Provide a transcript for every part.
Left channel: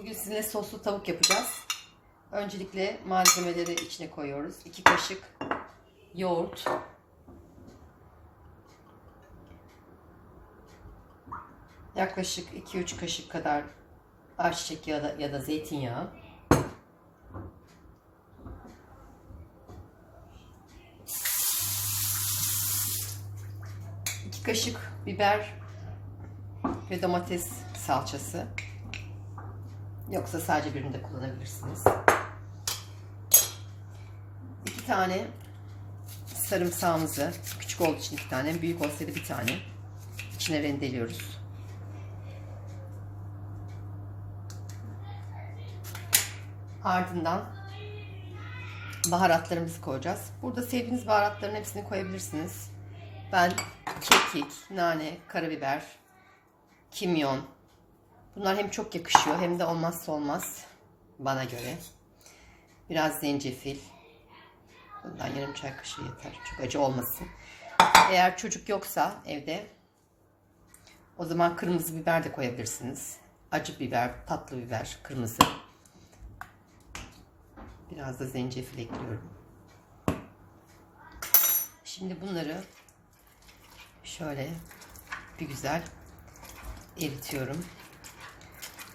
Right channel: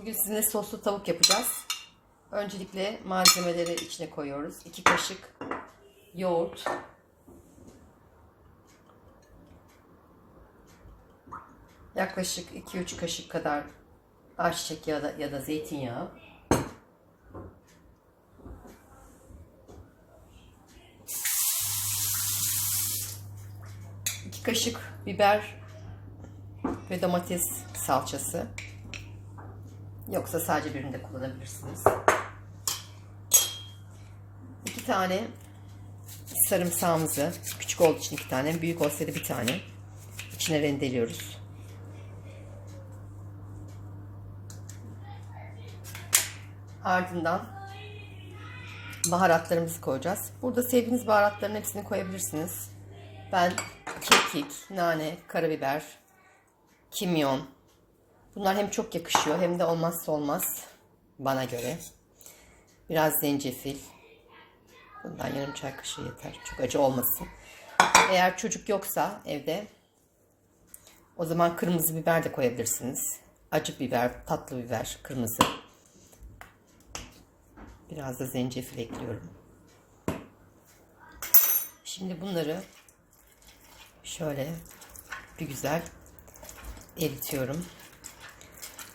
Bugün sizinle soslu tavuk yapacağız. Öncelikle malzemeleri içine koyuyoruz. 2 kaşık yoğurt. Yaklaşık 2-3 kaşık kadar ayçiçek yağı da, ya da zeytinyağı. İki kaşık biber ve domates salçası. Yoksa sadece birini de kullanabilirsiniz. İki tane sarımsağımızı, küçük olduğu için iki tane, büyük olsaydı bir tane içine rendeliyoruz. Ardından baharatlarımızı koyacağız. Burada sevdiğiniz baharatların hepsini koyabilirsiniz. Ben kekik, nane, karabiber, kimyon. Bunlar hem çok yakışıyor hem de olmazsa olmaz bana göre. Biraz zencefil. Bundan yarım çay kaşığı yeter. Çok acı olmasın. Eğer çocuk yoksa evde o zaman kırmızı biber de koyabilirsiniz. Acı biber, tatlı biber, kırmızı. Biraz da zencefil ekliyorum. Şimdi bunları şöyle bir güzel eritiyorum.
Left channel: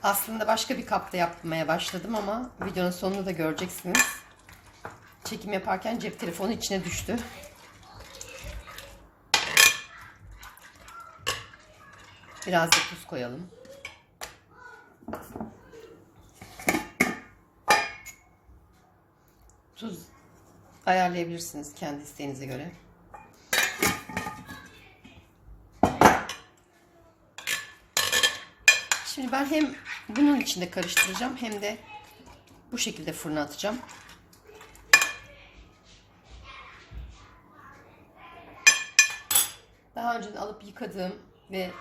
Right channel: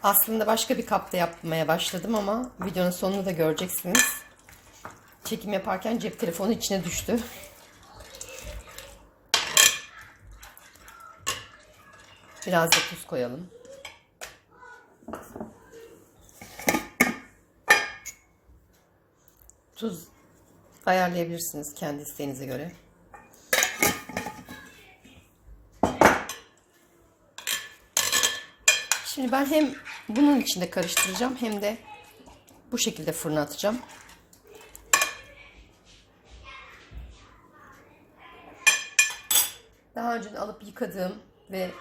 Aslında başka bir kapta yapmaya başladım ama videonun sonunu da göreceksiniz. Çekim yaparken cep telefonu içine düştü. Biraz da tuz koyalım. Tuz ayarlayabilirsiniz kendi isteğinize göre. Şimdi ben hem bunun içinde karıştıracağım hem de bu şekilde fırına atacağım. Daha önce alıp yıkadığım ve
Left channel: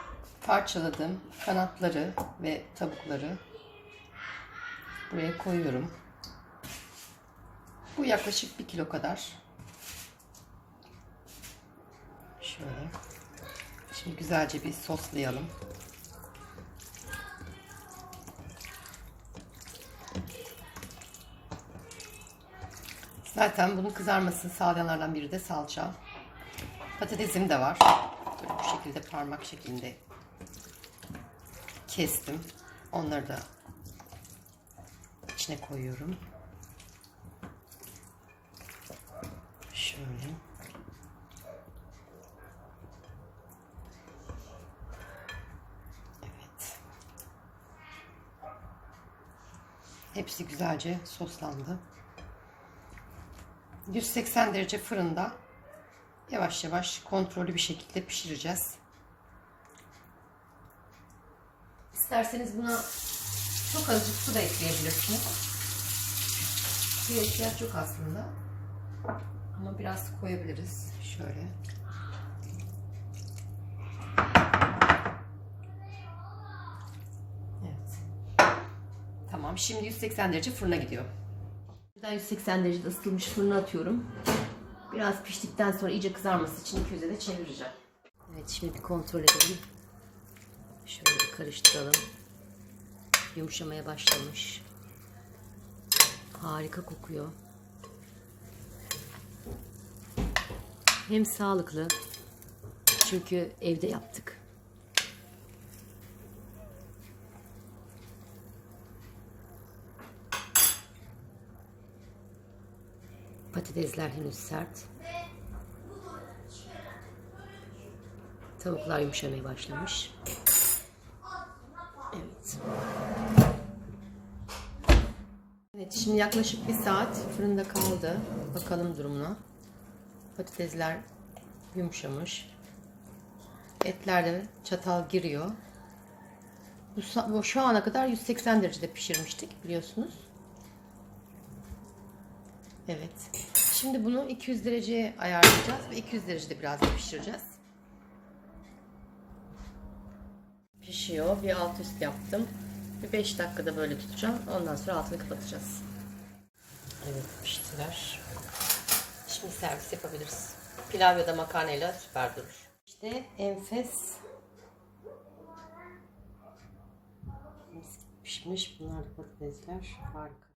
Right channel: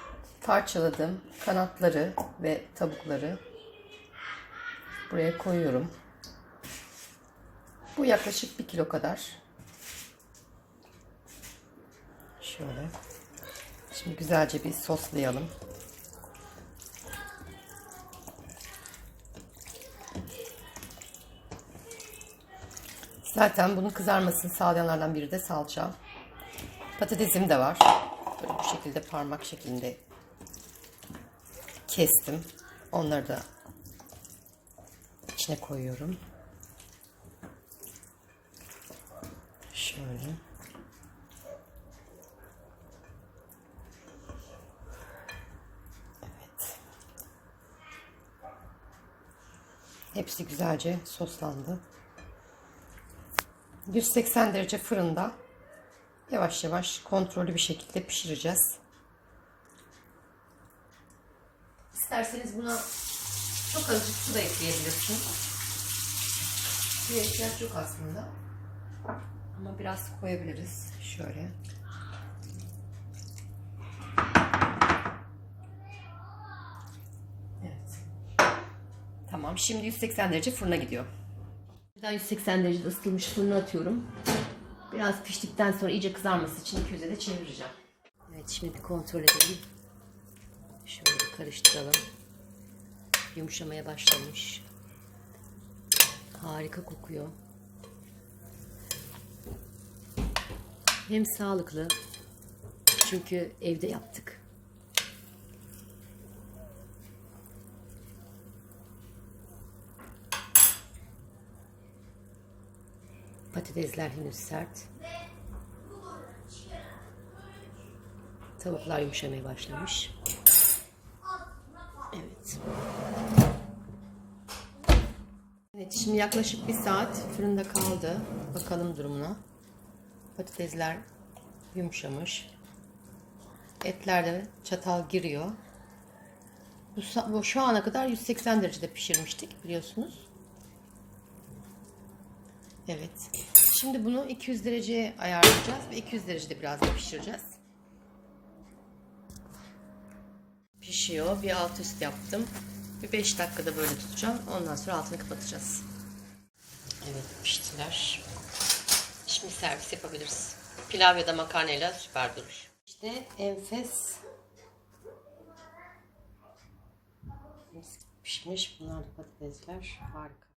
parçaladığım kanatları ve tavukları buraya koyuyorum. Bu yaklaşık bir kilo kadar. Şöyle. Şimdi güzelce bir soslayalım. Zaten bunun kızarmasını sağlayanlardan biri de salça. Patatesim de var. Böyle bu şekilde parmak şeklinde kestim. Onları da içine koyuyorum. Şöyle. Evet. Hepsi güzelce soslandı. 180 derece fırında yavaş yavaş kontrollü bir şekilde pişireceğiz. İsterseniz buna çok azıcık su da ekleyebilirsiniz. Suya ihtiyaç yok aslında. Ama biraz koyabiliriz. Şöyle. Evet. Tamam. Şimdi 180 derece fırına gidiyor. Birden 180 derecede ısıtılmış fırına atıyorum. Biraz piştikten sonra iyice kızarması için köze de çevireceğim. Evet şimdi bir kontrol edelim. Şöyle bir karıştıralım. Yumuşamaya başlamış. Harika kokuyor. Hem sağlıklı. Çünkü evde yaptık. Patatesler henüz sert. Tavuklar yumuşamaya başlamış. Evet. Evet şimdi yaklaşık bir saat fırında kaldı. Bakalım durumuna. Patatesler yumuşamış. Etler de çatal giriyor. Bu şu ana kadar 180 derecede pişirmiştik biliyorsunuz. Evet. Şimdi bunu 200 dereceye ayarlayacağız ve 200 derecede biraz da pişireceğiz. Pişiyor. Bir alt üst yaptım. Bir 5 dakikada böyle tutacağım. Ondan sonra altını kapatacağız. Evet piştiler. Şimdi servis yapabiliriz. Pilav ya da makarnayla süper durur. İşte enfes pişmiş. Bunlar da patatesler. Harika.